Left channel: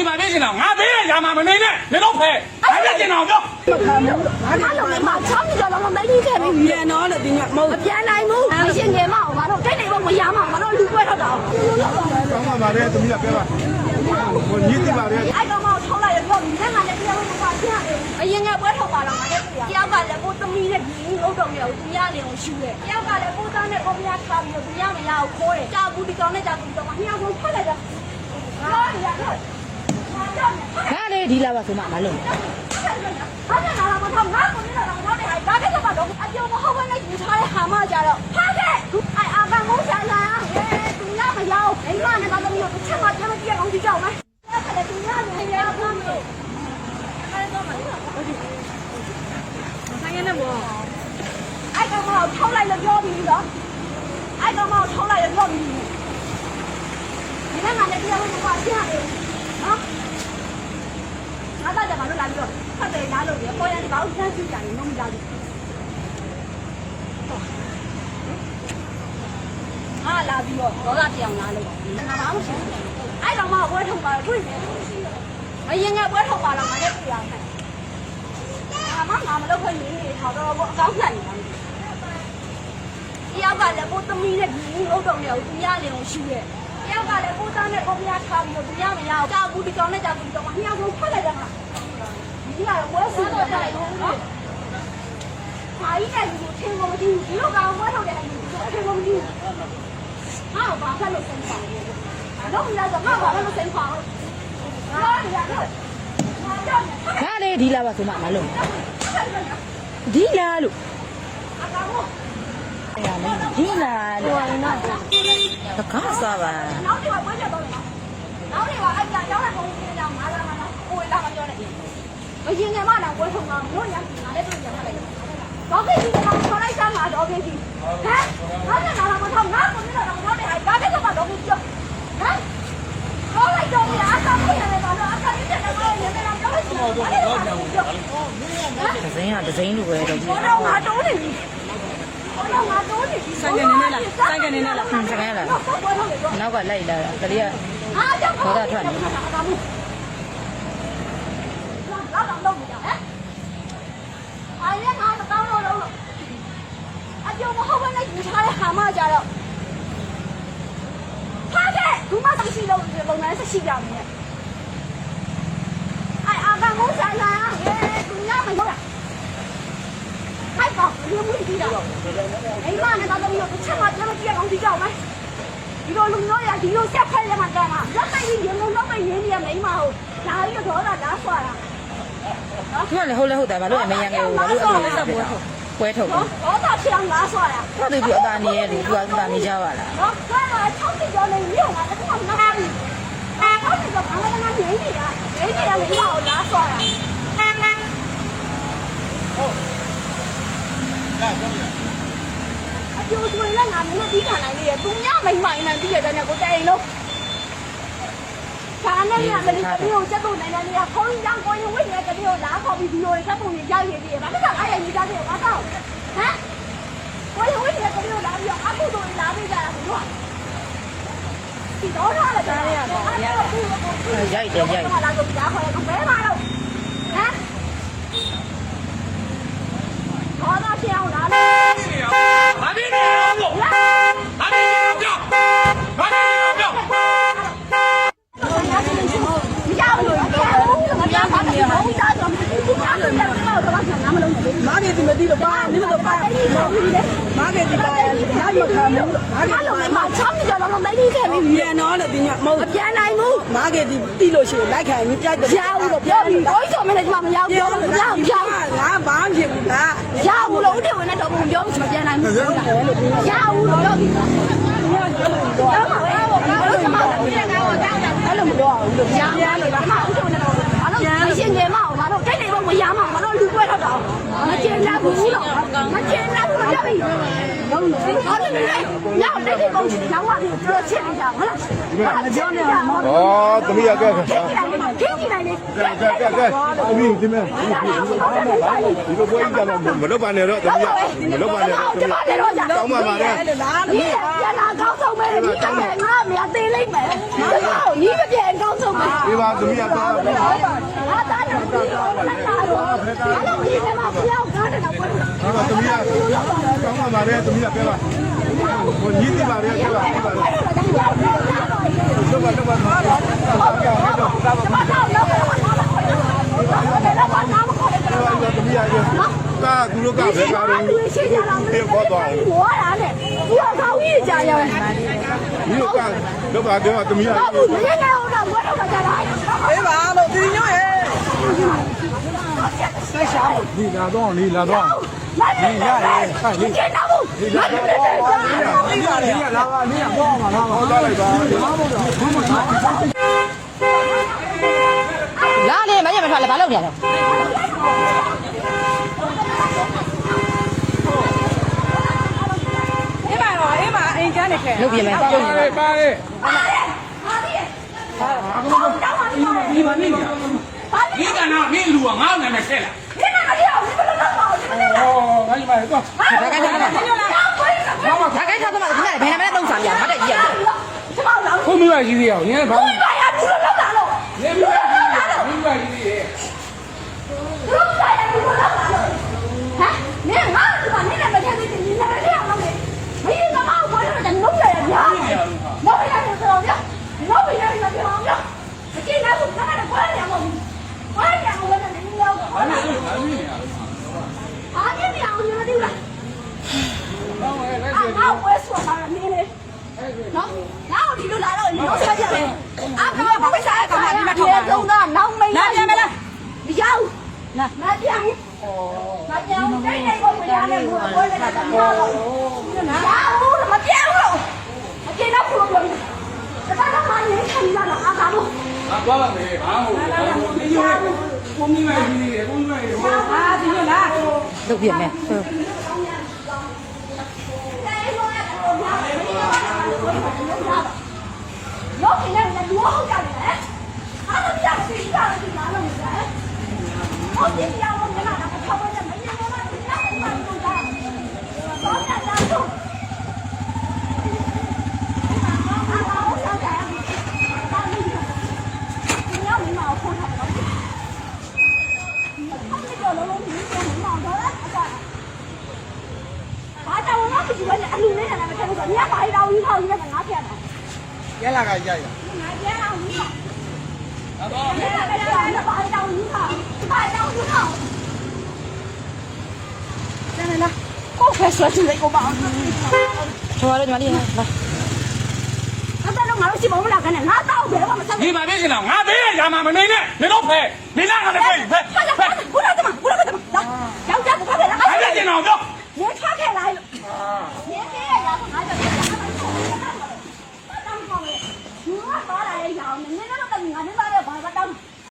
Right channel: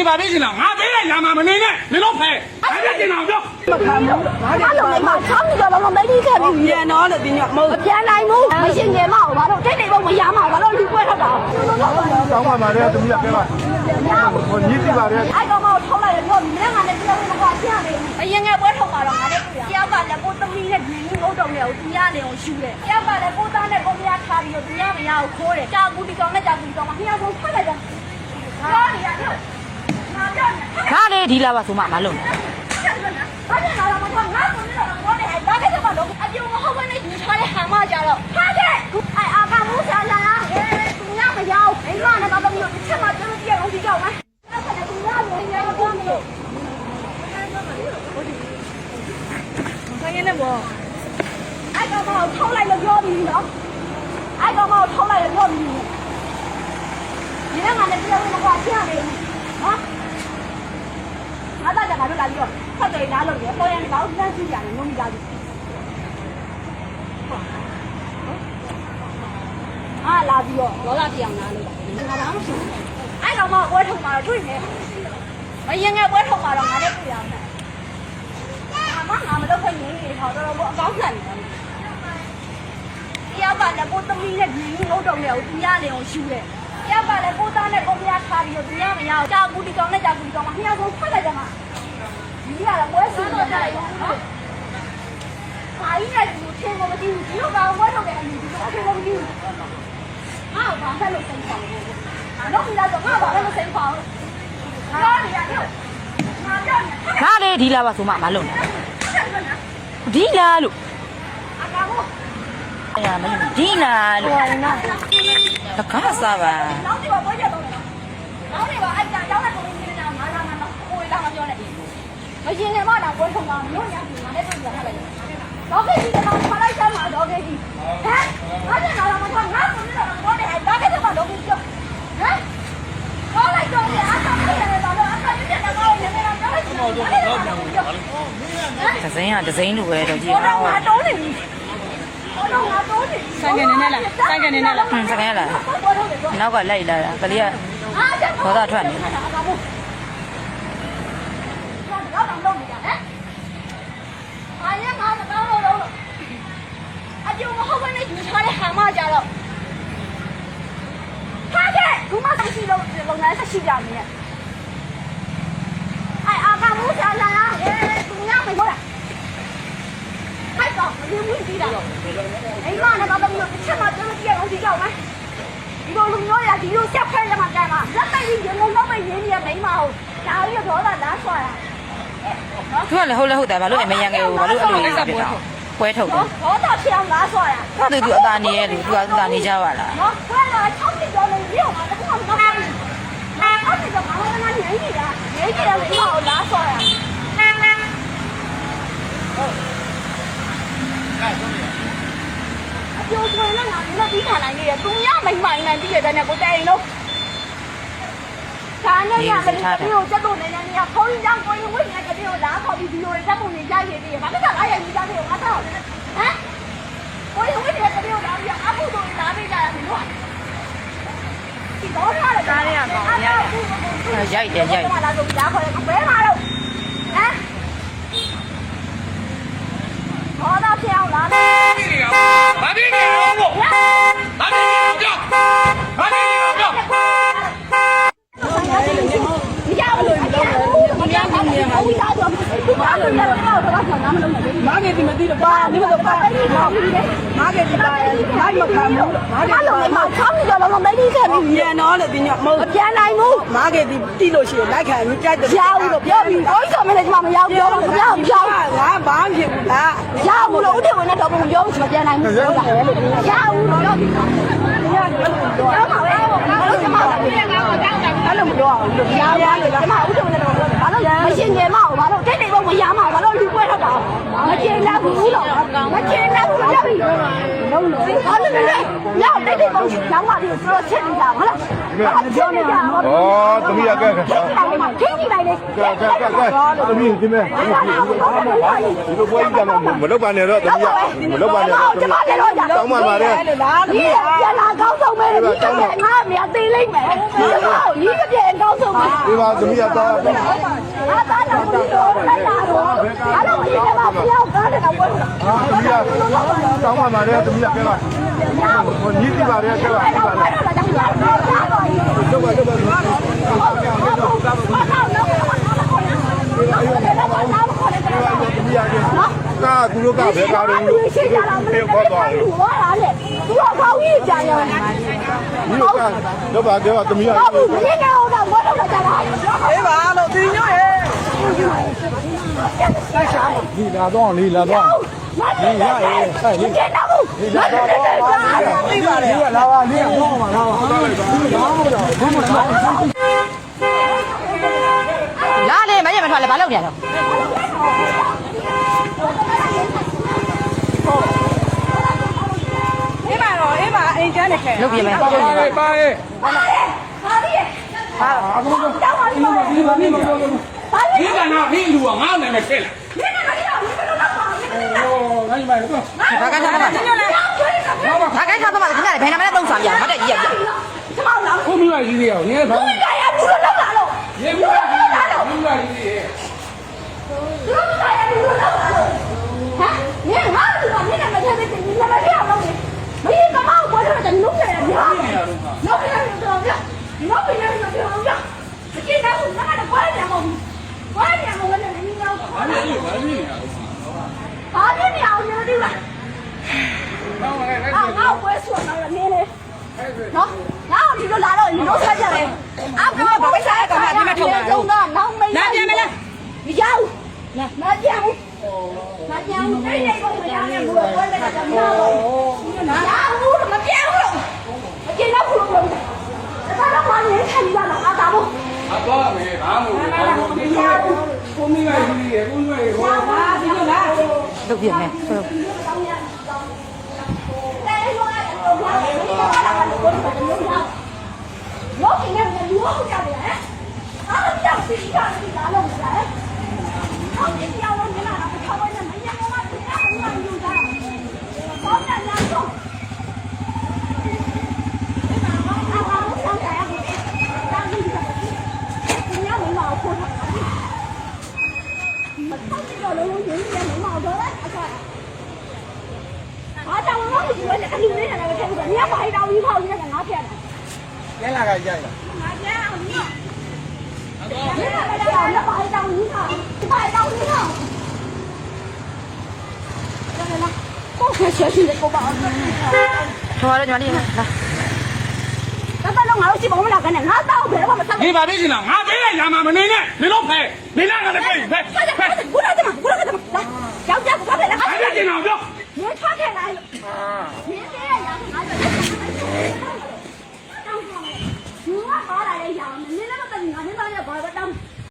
နေပါသေးတယ်ငါပေးတဲ့ຢာမှာမနေနဲ့မင်းတို့ဖဲအဲ့ဒါကျင်တော်ပြောမခံဘူးငါလည်းမချမ်းကြတော့မသိခဲ့ဘူးပြန်တော့လေဒီညမဟုတ်ပြန်နိုင်ဘူးမရှင်းငယ်မအောင်ငါတို့တိတ်နေတော့မရမှာငါတို့လူပွဲထောက်တာကောင်းပါပါလေသမီးကပြောပါဟိုညီးသိပါလေအဲ့ကောင်မထောက်လိုက်ရတော့မင်းကလည်းပြောနေတာပြရတယ်အရင်ကပွဲထောက်ပါတော့ငါတို့တယောက်ကလည်းကိုသမီးနဲ့ဘီဥတ်တော်မျိုးပြရတယ်အောင်ရှူတယ်တယောက်ကလည်းကိုသားနဲ့ကိုပြားထားပြီးတော့ပြရမရအောင်ခိုးတယ်ကြာဘူးဒီကောင်နဲ့ကြာဘူးဒီကောင်အများဆုံးဖတ်လိုက်တော့ဟာရရောက်ငါလေဒီလာပါဆိုမှမလုံးဘာလဲငါတို့ကငါ့ကိုလည်းတော့ဘာလဲဘာကစကတော့အပြုံမဟုတ်ဘဲနဲ့ယူထားတဲ့ဟာမကြတော့ဟာခဲ့အဲအာကမိုးစားလာသူညမရောက်အိမ်ကလည်းဘာလို့မျိုးတစ်ချက်မှကျွန်တော်ပြအောင်ဒီကြောက်မယ်အဲ့ဒါသူညလည်းရတော့မလို့အဲ့တော့မလို့ဟုတ်တယ်ဆင်းနေဘောအဲ့ကောင်မထောက်လိုက်လို့ပြောပြီးနော်အဲ့ကောင်မထောက်လိုက်လို့ပြောပြီးဒီနေ့မှလည်းပြောလို့မပါပြရတယ်နော်ငါသားကငါတို့လာပြီးတော့ဖတ်တယ်နားလို့ရပေါ်ရင်ဘာလို့စမ်းကြည့်ကြလဲမင်းသားကြီးဟာလာပြီးတော့ဒေါသတရားနားလို့ငါလားမရှိဘူးအဲ့ကောင်မပွဲထုတ်ပါတွေ့နေအရင်ကပွဲထုတ်ပါတော့ငါလည်းတွေ့ရတယ်အမငါမလုပ်ခွင့်နေနေတော့တော့အကောင်းခံနေတယ်တရားကလည်းကိုသမီးနဲ့ဒီဥတ်တော်မျိုးပြရတယ်အောင်ရှူရဲ့တယောက်ကလည်းကိုသားနဲ့ကိုပြားထားပြီးတော့ပြရမရအောင်ကြာဘူးဒီကောင်နဲ့ကြာဘူးဒီကောင်အများဆုံးဖတ်လိုက်တယ်မှာဒီကတော့ပွဲစားတော့ကြတယ်ဘာကြီးနဲ့ထင်လို့မသိဘူးဒီတော့ကောင်ပွဲထုတ်တယ်အမြင်ဒီတော့ထင်လို့မသိဘူးဟာဘာဆက်လို့စိတ်ဆောင်လဲတော့ဒီတော့ငါဘာလို့စိတ်ဆောင်လဲဟာရရောက်ငါလေဒီလာပါဆိုမှမလုံးဒီလာလို့အကောင်အဲ့ရမင်းဒီလာလို့တကားစားပါနောက်ဒီမှာပွဲရတော့နောက်ဒီမှာအဲ့ဒါရောက်တဲ့ကောင်နေတာမာလာမာလာကိုယ်တော့မပြောနဲ့မရင်ငယ်မလာပွဲထုတ်မှာမြို့ညာပြည်မှာလည်းပြင်ရတယ်တော့ခေကြီးကတော့ခလိုက်စားမှာတော့ခေကြီးဟမ်ငါလည်းတော့ငါငါကိုလည်းတော့ဘာလဲဘာကတော့တော့ဘူးကျော်ဟမ်ခေါ်လိုက်တော့အားစားရတယ်တော့အားစားရတယ်တော့ငယ်ငယ်တော့တော့ပြန်ဝင်ပါလို့ဒဇင်းကဒဇင်းလိုပဲတော့ကြည့်အောင်ငါတုံးနေပြီဆိုင်ကနေနဲ့လားဆိုင်ကနေနဲ့လားဆိုင်ကနေလားနောက်ကလိုက်လာတာကလေးကဒေါသထွက်နေတယ်အားရငါတောင်းလို့အပြုံမဟုတ်ဘဲနဲ့ယူထားတဲ့ဟာမကြတော့ဟာတဲ့ဘူးမမရှိလို့လုပ်ငန်းဆက်ရှိကြနေရဲ့အာကမိုးစားလာသူညမရောက်တာအဲ့တော့ဒီမှုကြီးတာအိမ်ကလည်းဘာလို့မျိုးတစ်ချက်မှကျွန်တော်ကြည့်အောင်ဒီကြောက်မယ်ဒီလိုလူမျိုးရဒီလိုဆက်ဖက်ရမှာကြမှာလက်ပိုက်ကြီးရုံလုံးမရင်းနေမိမဟုတ်ဒါလေးတော့ဒါလားဆွာတာသူကလည်းဟုတ်လဲဟုတ်တယ်ဘာလို့အမရန်ငယ်ကိုဘာလို့အဲ့လိုဖြစ်တာပွဲထုတ်တယ်ဘောတာဖြစ်အောင်လားဆွာတာဟာသူအသာနေရဲ့လူသူကအသာနေကြပါလားဟောဒါက60ကျော်နေပြီဟောဒါကမဟုတ်ဘူးအဲ့ဒါကတော့ဘာမှမနေနေတယ်နေနေတယ်လို့လားဆွာတာဟုတ်အပြိုးတွေလည်းငါလည်းပြီးခံနိုင်နေတယ်သူများမိမိုင်းမှန်ပြီးရတဲ့နဲ့ကိုတိုင်လို့ဒါနဲ့ရမလို့တပြိုးချက်တော့နေနေရခေါင်းကြောင်ကိုရင်ဝိနေတပြိုးလားခေါ်ပြီးဒီလိုချက်ပုံနေရရည်ပြီးဘာမှမကြောက်အဲ့ရကြီးကြတယ်အတော့ဟမ်ကိုရင်ဝိနေတပြိုးလားပြီးအခုတော့လာပေးကြရဘူးလို့ဒီတော့ထားတယ်ဒါလေးကတော့ရိုက်တယ်ရိုက်လာလို့ကြားခေါ်တယ်ဘဲမှာတော့ဟမ်ဘောတော့ပြောင်းလာတယ်ဘာဖြစ်နေလဲဘို့ဘာဖြစ်နေလဲကြောက်ဘာဖြစ်နေလဲကြောက်မရဘူးလို့ပြောဘူးမရဘူးလို့ပြောဘူးဒါတော့ဒီကားလို့လည်းတော့တော့ဆန္ဒမလုပ်ဘူးမားကေဒီမသိတော့ဘာလို့တော့တာမားကေဒီဘာမိုက်မခံဘူးမားကေဒီဘာမှချမ်းကြတော့မသိခဲ့ဘူးပြန်တော့လေဒီညမဟုတ်ပြန်နိုင်ဘူးမားကေဒီတီးလို့ရှိရင်လက်ခံရင်ကြိုက်တယ်ရဘူးလို့ပြောပြီးတော့ဆိုမလဲဒီမှာမရောက်ပြောဘူးရအောင်ပြောငါဘာဖြစ်ဘူးလားရဘူးလို့ဦးတယ်ဝင်နေတော့ဘုံပြောမပြန်နိုင်ဘူးလို့ရဘူးလို့ပြောပြီးတော့တော့မှာပဲဘာလို့ကျမအဲ့လိုမပြောဘူးလို့ကြားရတယ်ဘာမှဦးတယ်ဝင်နေတော့ဘာလို့မရှင်းငယ်မအောင်ဘာလို့တိတ်နေတော့မရမအောင်ဘာလို့လူပွဲတော့တာမကျင်းနိုင်ဘူးတော့မကျင်းနိုင်ဘူးပြောပြီးဟုတ်တယ်ညတိတ်တော့လမ်းလာပြီးပြောချက်နေတာဟုတ်လားပြောနေတာဩသမီးကကဲခင်းနေတာ来的。 သမီးဒီမဲ့ဒီဘပွဲကြီးကမလုပ်ပါနဲ့တော့သမီးမလုပ်ပါနဲ့တော့တောင်းပါပါတယ် 你别拿高手没？你这边俺面对嘞呢，你这边高手没？ ဒီမှာသမီးကတောင်းပါ 啊，咱俩不是来打我，俺俩不是嘛，不要干这个我。 သမီးကတောင်းပါပါတယ်သမီးကပြောပါဟိုညီးတိပါတယ်ပြောပါလုပ်ပါကာကူလို့ကဘယ်ပါတော့ဒီဘောတော့ 我哪里？我高一家呀。 ဒီကဘယ်ပါပြောသမီးက 你给我的，我都不干了。哎妈，老弟娘哎！ ဒီလာတော့ဒီလာတော့ 你呀哎！你见到不？你来来来，对吧的？ လာပါမင်းဟောပါတော့ဟောသွားလိုက်ပါ လာလေမရမထွက်လေဘာလုပ်နေရလဲ 哎妈喽，哎妈，哎家里开。 လုပ်ပြလဲ ပါလေပါလေ 你干哪？你路俺那边开了。 ဟောငါ့မှာတော့ ဘာကခါဘာခိုင်းခါဘာခဏဘယ်နာမလဲတုံးစားပြမတက်ကြီးရ ဘုံမိမကြီးရအောင်နည်းဘာ 你别你别你。 你看俺这个，你那个天的，你那个天的，没干嘛，我这个弄起来的，弄起来的多的，弄起来的多的，今天我那个关键我，关键我那个你要我，啊你苗你那个，啊我说到了你嘞，喏，然后你就来了，你弄起来的，啊不我不想干嘛，你们抽的，弄没拿钱没了，你要。 拿奖，拿奖，今年我们家的我那个什么，拿我什么奖了？今天我们，这他妈年轻人了，啊咋不？啊，多了没？俺们我明白你，我明白你。လုပ်ပြမယ်ဟုတ် 老给人家多好家的，他们家是一样的家弄的。 我今天我们那个超过100年，我们家人家有的，我们家有。你要没毛裤子，他们这龙龙群是没毛的，啊，但我们不是那女人那个这个，你要买一张一套，你得给拿钱的。 ကျန်လာကကြရ 拿钱让你。 你那个让俺买一张一套，买一张一套。来，我开小心点，我把。 ချောရညီမလေးလာ 咱把那毛鸡包了，给你，俺到回来我们上。你把这个呢？俺这个家嘛没呢，没老拍，没让俺的拍拍拍。过来怎么？过来怎么？来，小家不怕给他。俺这个呢，不。别岔开来。别别。